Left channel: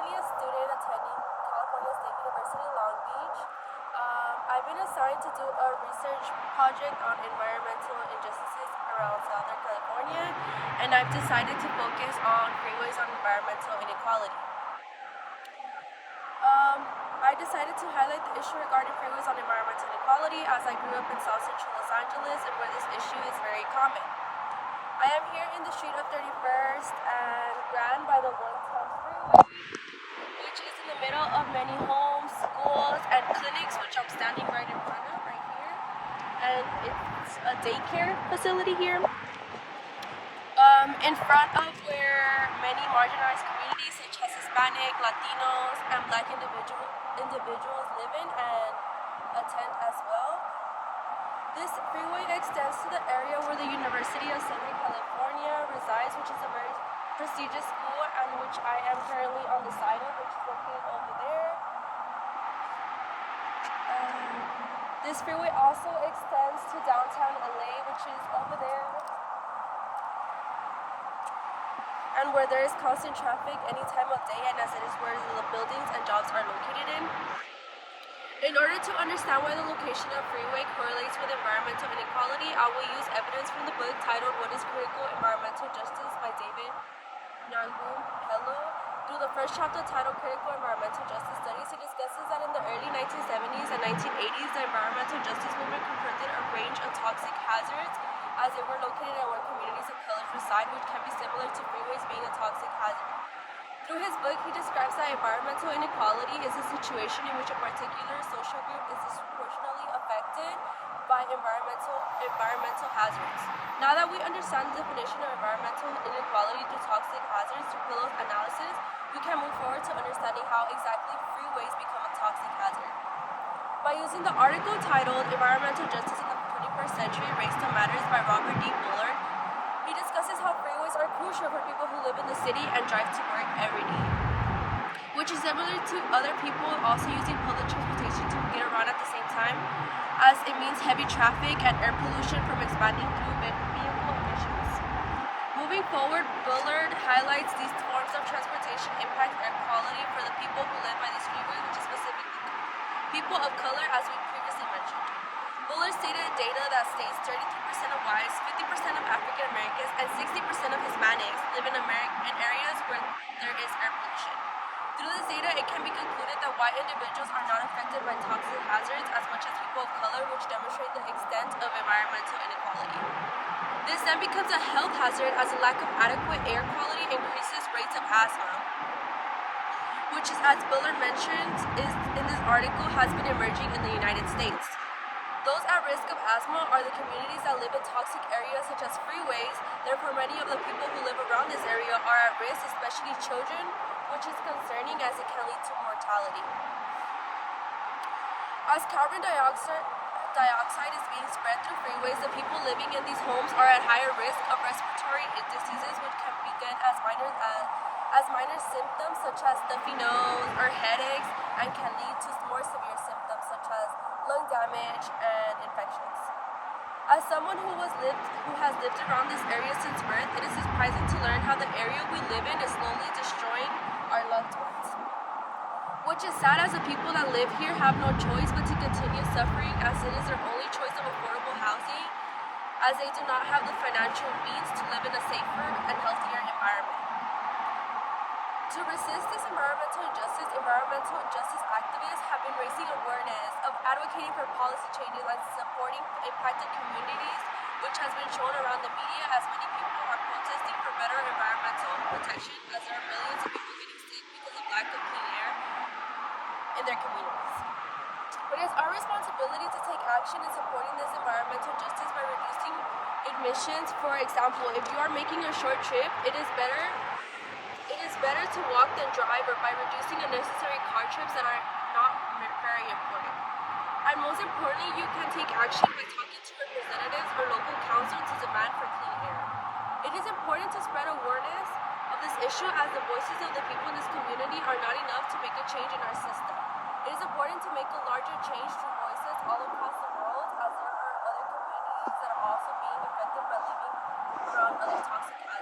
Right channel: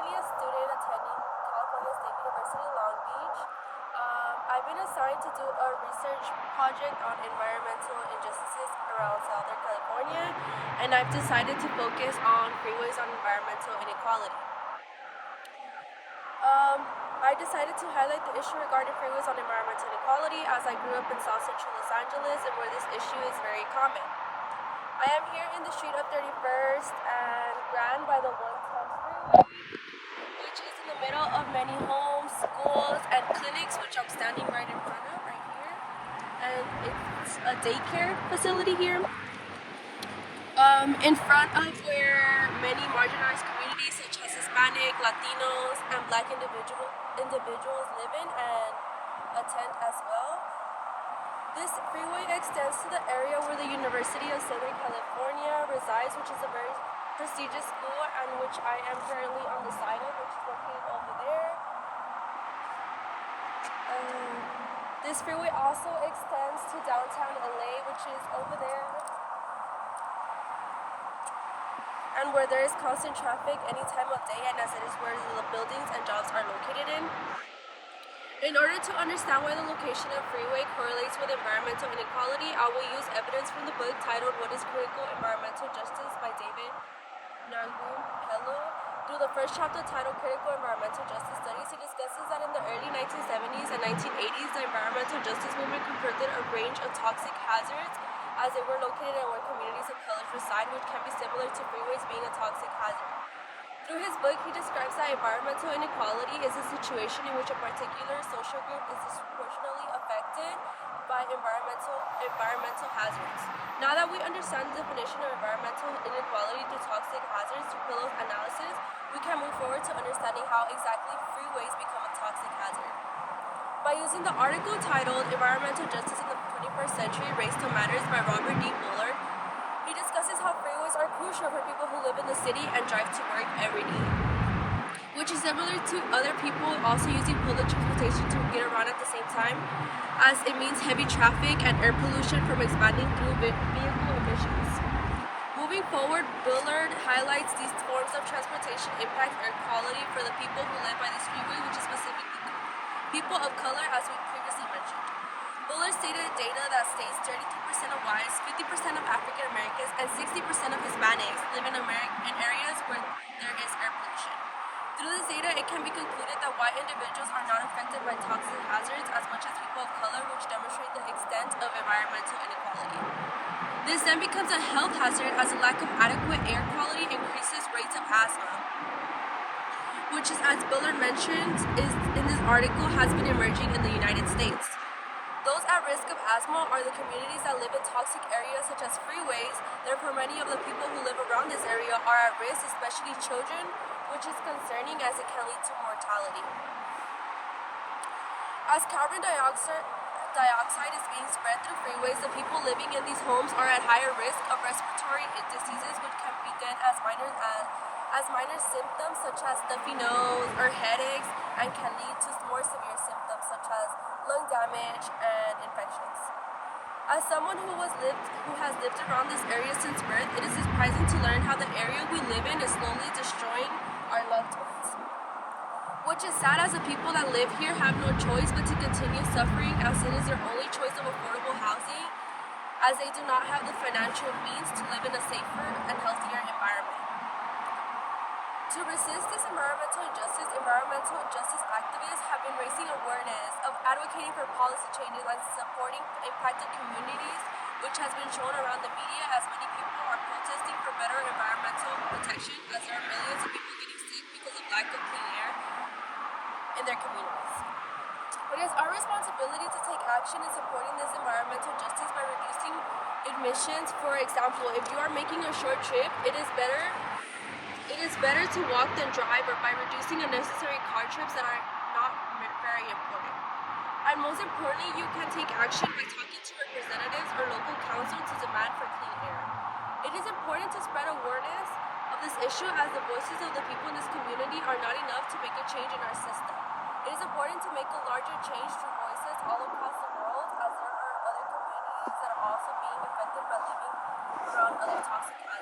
currently a student attending California State University, Long Beach. I've been assigned to do a research project on environmental injustices around Southern California, and I've decided to focus on freeways on environmental inequality. I decided to highlight the issue regarding freeways on environmental inequality as I grew up in South Central Los Angeles and where this issue is very common. I am here in the street of 31st and ran by the 110 freeway, which is in the middle of many homes, schools, and clinics, which I'm standing right in front of right here. And it's a daycare facility here. In front of where many marginalized communities such as Hispanic, Latinos, and Black individuals live in and attend as well. This freeway extends to the area where the University of Southern California resides, which is a very prestigious school and which I am currently on the side of, which is located over there. This freeway also extends to downtown LA, which is over there, and where there is constant traffic any time of day, and as it is where the buildings and jobs are located in. In order to understand why the location of freeway correlates with environmental inequality, I will use evidence from the book titled What is Critical Environmental Justice by David Hello. Through the first chapter titled Critical Environmental Justice Studies, he discusses that in the early 1970s and 1980s, the environmental justice movement confronted a range of toxic hazards as they were located in where communities of color reside, which can be similar to freeways being a toxic hazard. Through his book, he describes that environmental inequality is a situation in which a particular social group is disproportionately affected by environmental hazards. Now that we understand the definition of environmental inequality through toxic hazards through Pillow's analysis, we can move forward to understanding how exactly freeways become a toxic hazard. By using the article titled Environmental Justice in the 21st Century, Race to Matters by Robert D. Bullard, he discusses how freeways are crucial for people who live in the city and drive to work every day, which is similar to other people also using public transportation to get around at the same time, as it means heavy traffic and air pollution from expanding through vehicle emissions. Moving forward, Bullard highlights these forms of transportation impact air quality for the people who live by this freeway, which is specifically people of color, as we previously mentioned. Bullard stated data that states 33% of whites, 50% of African Americans, and 60% of Hispanics live in areas where there is air pollution. Through this data, it can be concluded that white individuals are not affected by toxic hazards as much as people of color, which demonstrate the extent of environmental inequality. This then becomes a health hazard as a lack of adequate air quality increases rates of asthma, which is, as Bullard mentioned, is in this article, has been emerging in the United States. Those at risk of asthma are the communities that live in toxic areas such as freeways. Therefore, many of the people who live around this area are at risk, especially children, which is concerning as it can lead to mortality. As carbon dioxide is being spread through freeways, the people living in these homes are at higher risk of respiratory diseases, which can begin as minor symptoms such as stuffy nose or headaches, and can lead to more severe symptoms such as lung damage and infections. As someone who has lived around this area since birth, it is surprising to learn how the area we live in is slowly destroying our loved ones. Which is sad, as the people that live here have no choice but to continue suffering, as it is their only choice of affordable housing, as they do not have the financial means to live in a safer and healthier environment. To resist this environmental justice activists have been raising awareness of advocating for policy changes and supporting impacted communities, which has been shown around the media, as many people are protesting for better environmental protection, as there are millions of people getting sick because of lack of clean air in their communities. It is our responsibility to take action in supporting this environmental justice by reducing emissions. For example, if you are making a short trip, it is better to walk than drive, or by reducing unnecessary car trips that are not very important. And most importantly, you can take action by talking to representatives or local council to demand for clean air. It is important to spread awareness of this issue, as the voices of the people in this community are not enough to make a change in our system. It is important to make a larger change through voices all across the world, as there are other communities that are also being affected by living around other toxic hazards.